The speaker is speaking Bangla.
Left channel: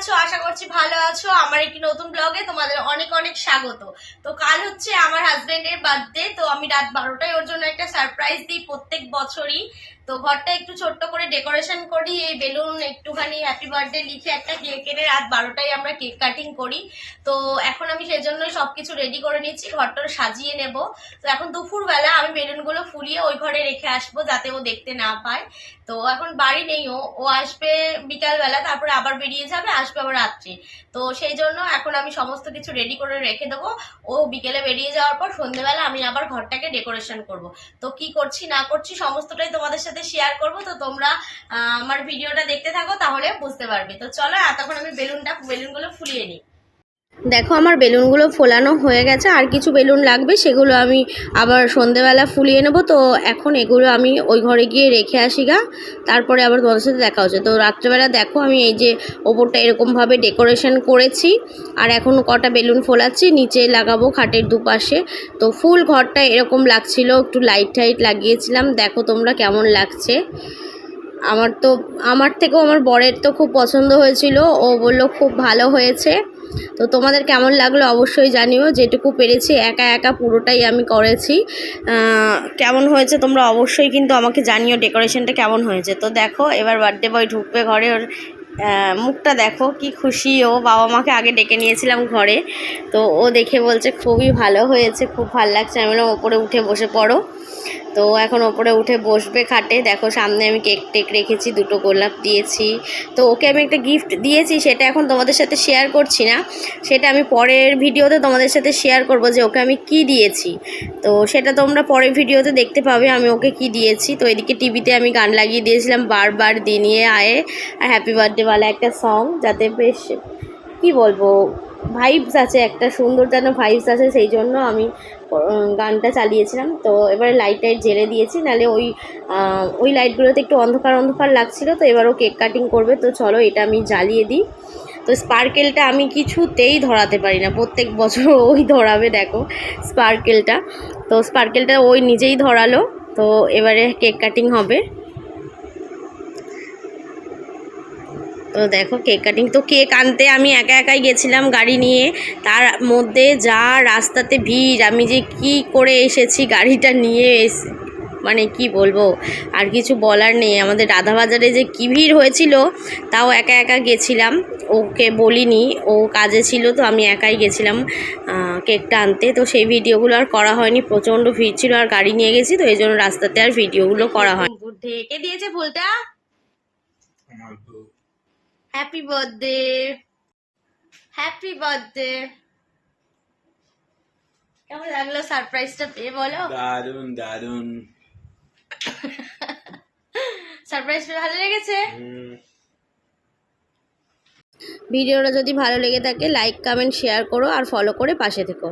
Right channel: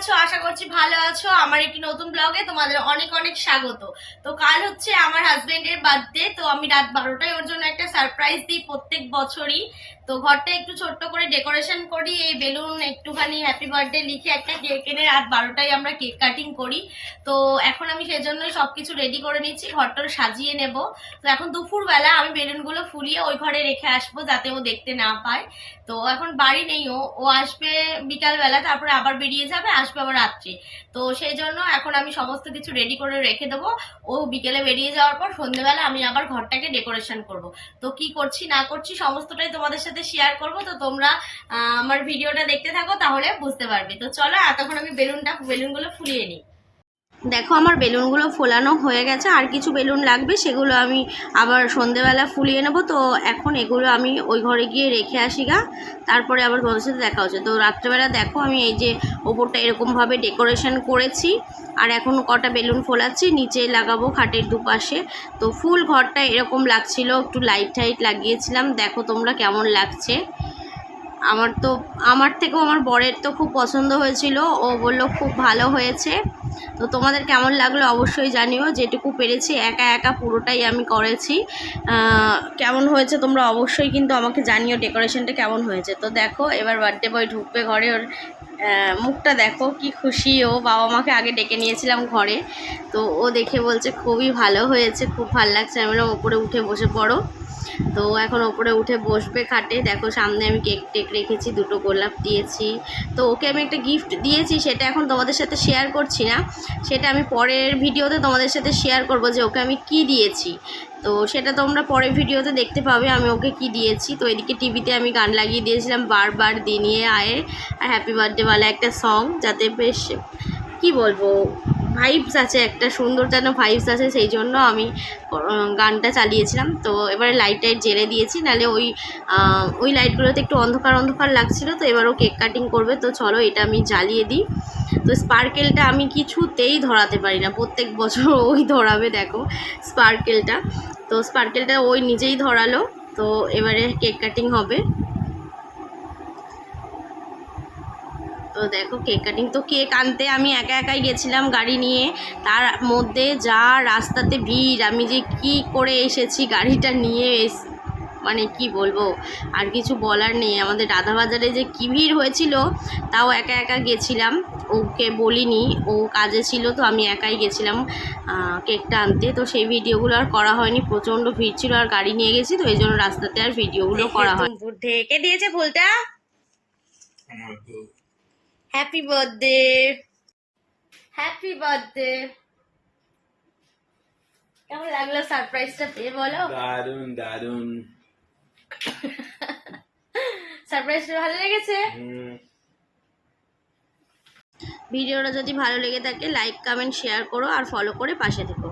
আছো? আশা করছি ভালো আছো। আমার একটি নতুন ব্লগে তোমাদের অনেক অনেক স্বাগত। তো কাল হচ্ছে আমার হাজবেন্ডের বার্থডে, তো আমি রাত 12টায় ওর জন্য একটা সারপ্রাইজ দিই প্রত্যেক বছরই। তো ঘরটা একটু ছোট্ট করে ডেকোরেশন করি, এই বেলুন একটুখানি হ্যাপি বার্থডে লিখে একটা কেক এনে রাত 12টায় আমরা কেক কাটিং করি। তো এখন আমি সেজন্যই সবকিছু রেডি করে নিচ্ছি, ঘরটা সাজিয়ে নেব। তো এখন দুপুরবেলা আমি বেলুনগুলো ফুলিয়ে ওই ঘরে রেখে আসবো যাতে ও দেখতে না পায়। তো এখন বাড়ি নেই, ও আসবে বিকালবেলা, তারপরে আবার বেরিয়ে যাবে, আসবে আবার রাত্রি। তো সেই জন্য এখন আমি সমস্ত কিছু রেডি করে রেখে দেবো। ও বিকেলে বেরিয়ে যাওয়ার পর সন্ধ্যেবেলা আমি আবার ঘরটাকে ডেকোরেশন করব। তো কি করছি না করছি সমস্তটাই তোমাদের সাথে শেয়ার করব। তো তোমরা আমার ভিডিওটা দেখতে থাকো, তাহলে বুঝতে পারবে। তো চলো এতক্ষণ আমি বেলুনগুলো ফুলিয়ে নিই। দেখো আমার বেলুনগুলো ফোলানো হয়ে গেছে, আর কিছু বেলুন লাগবে, সেগুলো আমি আবার সন্ধেবেলা ফুলিয়ে নেবো। তো এখন এগুলো আমি ওই ঘরে গিয়ে রেখে আসি গা, তারপরে আবার তোমাদের সাথে দেখা হচ্ছে। তো রাত্রেবেলা দেখো আমি এই যে ওপরটা এরকমভাবে ডেকোরেশন করেছি, আর এখন কটা বেলুন ফোলাচ্ছি, নিচে লাগাবো খাটের দুপাশে। তো ফুল ঘরটা এরকম লাগছিল, একটু লাইট টাইট লাগিয়েছিলাম। দেখো তোমরা কেমন লাগছে। আমার থেকেও আমার বরের তো খুব পছন্দ হয়েছিল, ও বললো খুব ভালো হয়েছে। তো তোমাদের কেমন লাগলো অবশ্যই জানিও। যেটুকু পেরেছি একা একা পুরোটাই আমি করেছি। কেমন হয়েছে তোমরা অবশ্যই কিন্তু আমাকে জানিও ডেকোরেশনটা কেমন হয়েছে। তো দেখো এবার বার্থডে বয় ঢুকবে ঘরে, ওর মুখটা দেখো কি খুশি। ও বাবা মাকে আগে ডেকে নিয়েছিলাম ঘরে, তো ও দেখে বলছে খুবই ভালো হয়েছে, খুব ভালো লাগছে। আমি বললাম ওপরে উঠে বসে পড়ো। তো এখন ওপরে উঠে বসবে খাটে। দেখো সামনে আমি কেক টেক রেখেছি, দুটো গোলাপ দিয়েছি। তো ওকে আমি একটা গিফট দিয়েছি, সেটা এখন তোমাদের সাথে শেয়ার করছি না, সেটা আমি পরের ভিডিওতে তোমাদের সাথে শেয়ার করব যে ওকে আমি কি দিয়েছি। তো সেটা তোমরা পরের ভিডিওতে দেখতে পাবে আমি ওকে কি দিয়েছি। তো এদিকে টিভিতে আমি গান লাগিয়ে দিয়েছিলাম বারবার দিনিয়ে আয়ে আর হ্যাপি বার্থডেওয়ালা একটা সং, যাতে বেশ কি বলবো ভাইবস আছে, একটা সুন্দর যেন ভাইবস আছে, সেই জন্য আমি গানটা চালিয়েছিলাম। তো এবারে লাইট টাইট জেলে দিয়েছি, নাহলে ওই লাইটগুলোতে একটু অন্ধকার অন্ধকার লাগছিলো। তো এবারও কেক কাটিং করবে, তো চলো এটা আমি জ্বালিয়ে দিই। তো স্পার্কেলটা আমি কিছুতেই ধরাতে পারি না, প্রত্যেক বছর ওই ধরাবে দেখো স্পার্কেলটা। তো স্পার্কেলটা ওই নিজেই ধরালো। তো এবারে কেক কাটিং হবে। তো দেখো কেক কাটিং, তো কেক আনতে আমি একা একাই গেছিলাম গাড়ি নিয়ে, তার মধ্যে যা রাস্তাতে ভিড়, আমি যে কি করে এসেছি গাড়িটা নিয়ে মানে কি বলবো, আর কিছু বলার নেই। আমাদের রাধাবাজারে যে কী ভিড় হয়েছিল, তাও একা একা গেছিলাম, ওকে বলিনি, ও কাজে ছিল। তো আমি একাই গেছিলাম কেকটা আনতে। তো সেই ভিডিওগুলো আর করা হয়নি, প্রচণ্ড ভিড় ছিল আর গাড়ি নিয়ে গেছি, তো এই জন্য রাস্তাতে আর ভিডিওগুলো করা হয়। ঢেকে দিয়েছে ফুলটা। Happy birthday, happy birthday. কেমন লাগলো সারপ্রাইজটা পেয়ে বলো? দারুন দারুন। সারপ্রাইজটা ভালো লেগেছে? ভিডিওটা যদি ভালো লেগে থাকে লাইক কমেন্ট শেয়ার করো আর ফলো করে পাশে থেকো।